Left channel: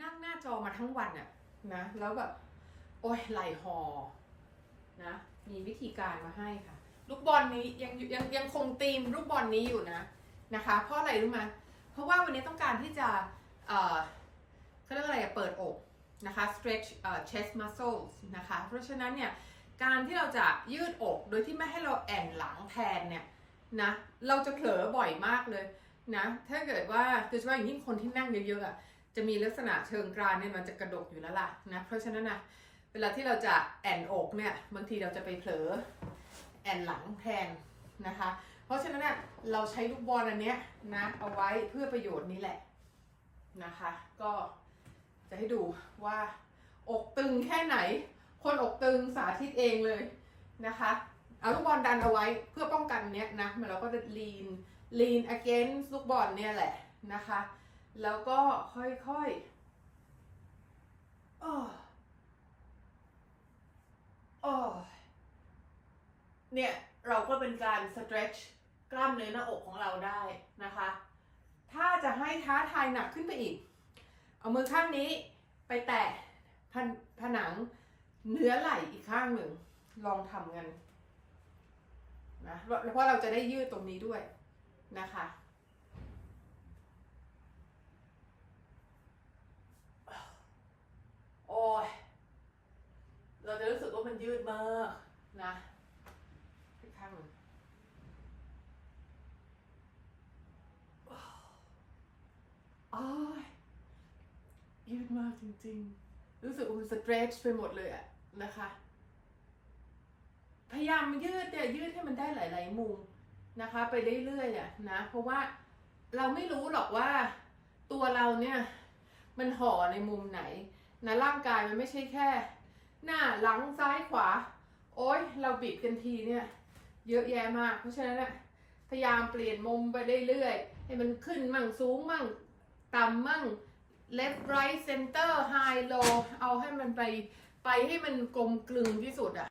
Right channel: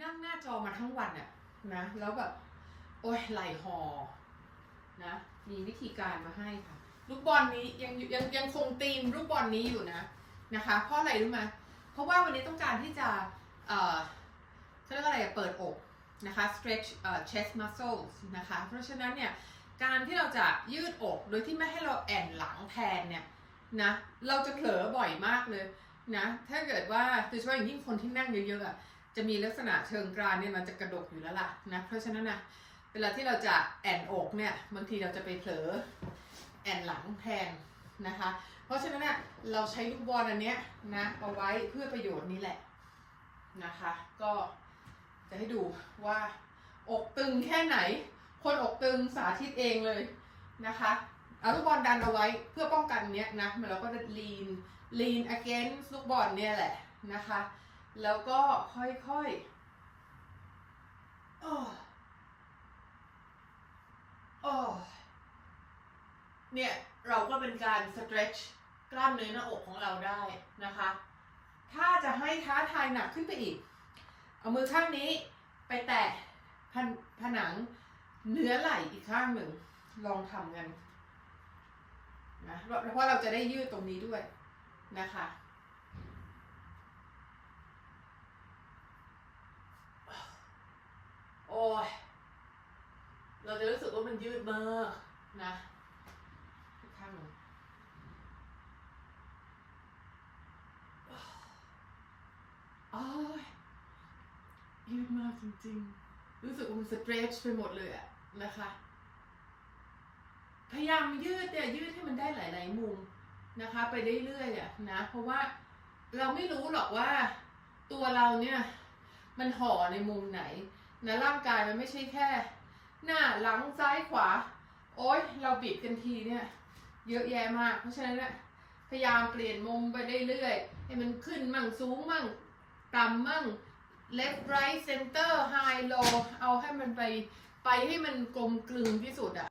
นั่งหน้าจอมาทั้งวันอะนะ แล้วแบบ โอ้ยไหลหอนะ มีวิธีการมาให้ค่ะ ลูกบอลนี้ยังยังยังคงธีมลูกบอลนี้อยู่นะนะคะ เพราะอะไรรู้ไหมเพราะว่าวันนี้ต้องการที่จะเอ่อเขาเรียกอะไรอะเปิดอกนะคะ stretch เอ่อ chest muscles นะคะ เพราะฉะนั้นเนี่ย การที่เราจะยืดอกโดยที่ไม่ให้เราแอนหลังแทนเนี่ยนะ เราจะเผลอบ่อยมากเลยนะ ถ้าเกิดว่าโดยเฉพาะอย่างยิ่งคนที่นั่งเยอะๆอะ จะมีลักษณะเชิงกรานเนี่ยมันจะกระดกอยู่แล้วล่ะนะเพราะฉะนั้นนะเวลาที่เราจะแอนอกเนี่ยบางทีเราจะไปเผลอแอนหลังแทนนะคะ เพราะฉะนั้นเนี่ยเราใช้ลูกบอลอันเนี้ยนะเอาไว้เพื่อประโยชน์นี้แหละนะคะ ก็จะให้ดูว่าอกตึงแค่ไหน คนอกตึงสาธิตเองเลยนะคะ เอาลูกบอลดันเอาไว้เพื่อป้องกันเนี้ยนะมันเราก็จะ lean lean against ลูกบอลเนี่ยแหละนะคะ แล้วก็ค่อยๆอ้โอ้เนี่ย เราก็เป็นการ stretch กล้ามเนื้อหน้าอกของเราได้นะคะ ถ้าจะให้ท้าทายหนักขึ้นไปอีก เอามือข้างนี้ไปแตะผนังเนื้อไหล่อีกข้างหนึ่ง ลองทำกันนะเพราะเราจะได้ยืดตรงนี้ด้วยนะคะ โอ้ย เราจะรู้สึกว่า มันยืดมากนะอีกข้างหนึ่งโอ้ยยืดมากจริงๆ รู้สึกว่ามันสเตรชไปหมดเลยอะนะคะ พยายามยืดเนี่ยยืดให้มันได้หลาย ๆ มุมนะคะ ไปเรื่อยๆอะนะ เพราะว่าเราไม่รู้หรอกว่าตัวเราเนี่ย มันห่อในมุมไหนนะร่างกายมันไม่ใช่แค่ หน้าหลังซ้ายขวา โอ้ยเราบิดกันทีเนี่ย เยอะแยะมาก เพราะฉะนั้นเนี่ยพยายามเปลี่ยนมุมไปเรื่อยๆให้มันขึ้นมั่งสูงมั่งต่ำมั่ง left right center high low เอาให้มันไปไปให้มันกลมกลึงที่สุดอะ